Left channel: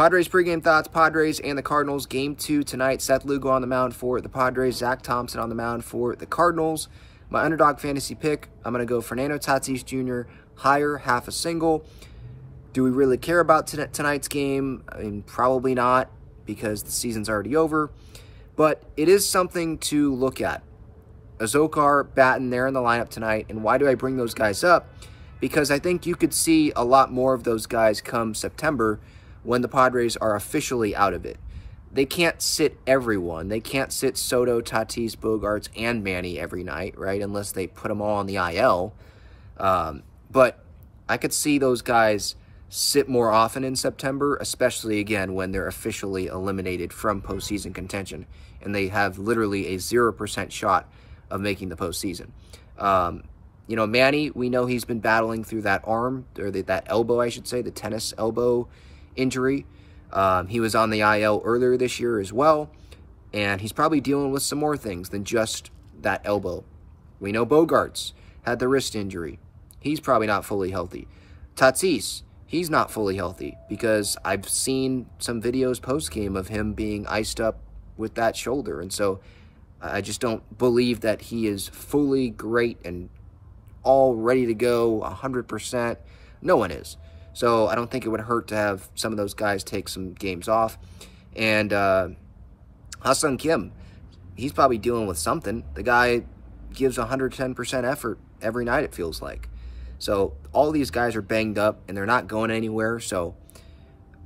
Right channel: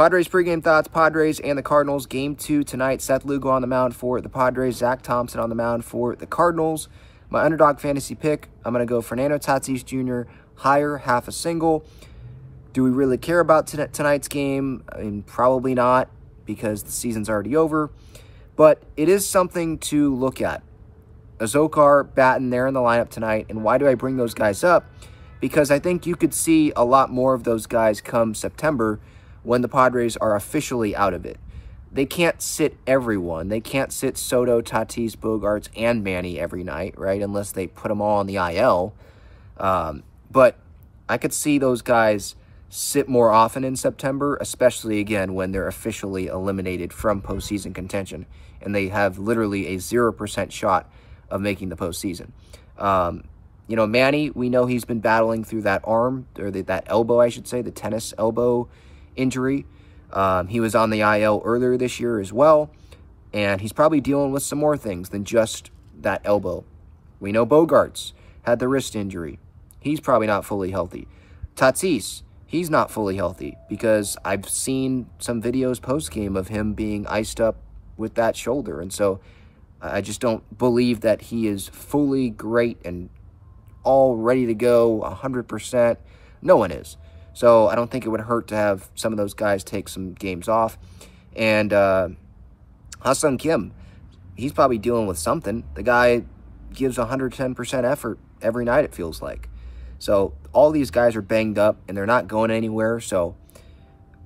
Padres pregame thoughts. Padres and the Cardinals. Game 2 tonight. Seth Lugo on the mound for the Padres. Zach Thompson on the mound for the Cardinals. My underdog fantasy pick, I'm going to go Fernando Tatis Jr. higher, half a single. Do we really care about tonight's game? I mean, probably not, because the season's already over. But it is something to look at. Azokar, Batten, they're in the lineup tonight. And why do I bring those guys up? Because I think you could see a lot more of those guys come September when the Padres are officially out of it. They can't sit everyone. They can't sit Soto, Tatis, Bogarts, and Manny every night, right? Unless they put them all on the IL. But I could see those guys sit more often in September, especially, again, when they're officially eliminated from postseason contention. And they have literally a 0% shot of making the postseason. You know, Manny, we know he's been battling through that arm, or that elbow, I should say, the tennis elbow injury. He was on the IL earlier this year as well, and he's probably dealing with some more things than just that elbow. We know Bogarts had the wrist injury. He's probably not fully healthy. Tatis, he's not fully healthy, because I've seen some videos post-game of him being iced up with that shoulder, and so I just don't believe that he is fully great and all ready to go 100%. No one is. So I don't think it would hurt to have some of those guys take some games off. And Ha-Seong Kim, he's probably dealing with something. The guy gives 110% effort every night, it feels like. So all these guys are banged up, and they're not going anywhere. So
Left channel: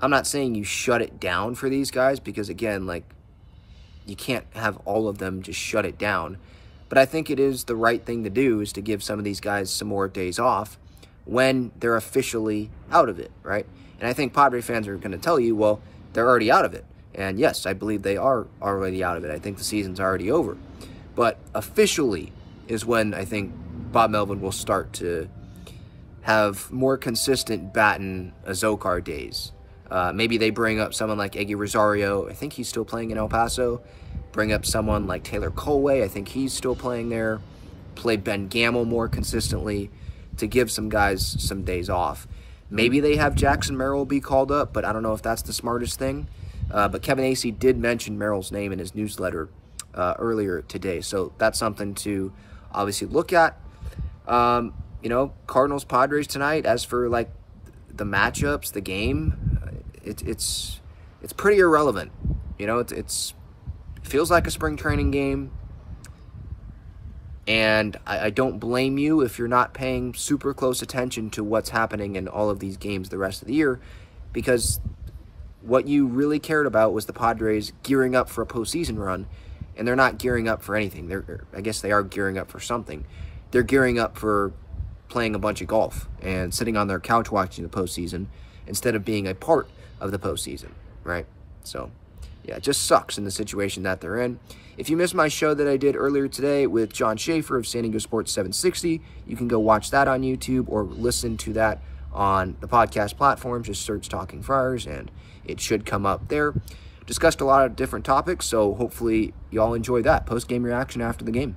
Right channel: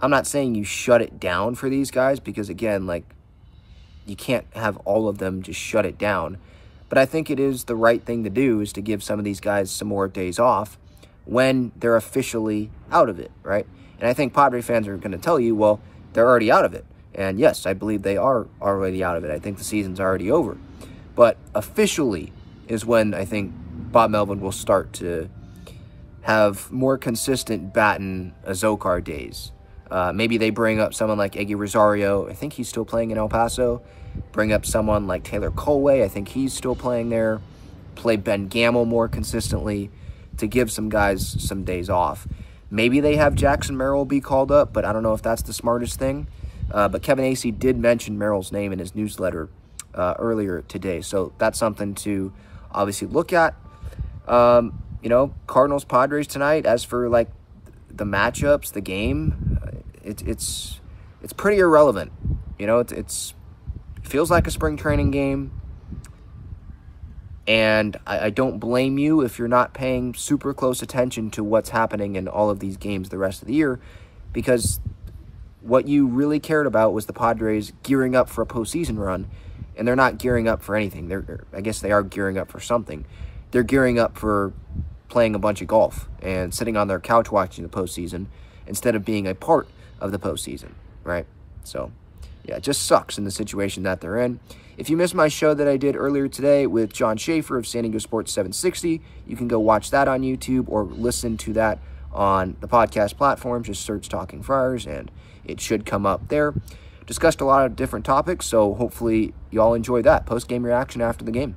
I'm not saying you shut it down for these guys, because, again, like, you can't have all of them just shut it down. But I think it is the right thing to do, is to give some of these guys some more days off when they're officially out of it, right? And I think Padres fans are going to tell you, well, they're already out of it. And yes, I believe they are already out of it. I think the season's already over. But officially is when I think Bob Melvin will start to have more consistent Batten, Azokar days. Maybe they bring up someone like Eggy Rosario. I think he's still playing in El Paso. Bring up someone like Taylor Colway. I think he's still playing there. Play Ben Gamel more consistently to give some guys some days off. Maybe they have Jackson Merrill be called up, but I don't know if that's the smartest thing. But Kevin Acee did mention Merrill's name in his newsletter earlier today. So that's something to obviously look at. You know, Cardinals, Padres tonight. As for, like, the matchups, the game, it's pretty irrelevant. You know, it feels like a spring training game. And I don't blame you if you're not paying super close attention to what's happening in all of these games the rest of the year, because what you really cared about was the Padres gearing up for a postseason run, and they're not gearing up for anything. I guess they are gearing up for something. They're gearing up for playing a bunch of golf and sitting on their couch watching the postseason instead of being a part of the postseason, right? So, yeah, it just sucks in the situation that they're in. If you missed my show that I did earlier today with John Schaefer of San Diego Sports 760, you can go watch that on YouTube or listen to that on the podcast platform. Just search Talking Friars, and it should come up there. Discussed a lot of different topics, so hopefully y'all enjoy that post-game reaction after the game.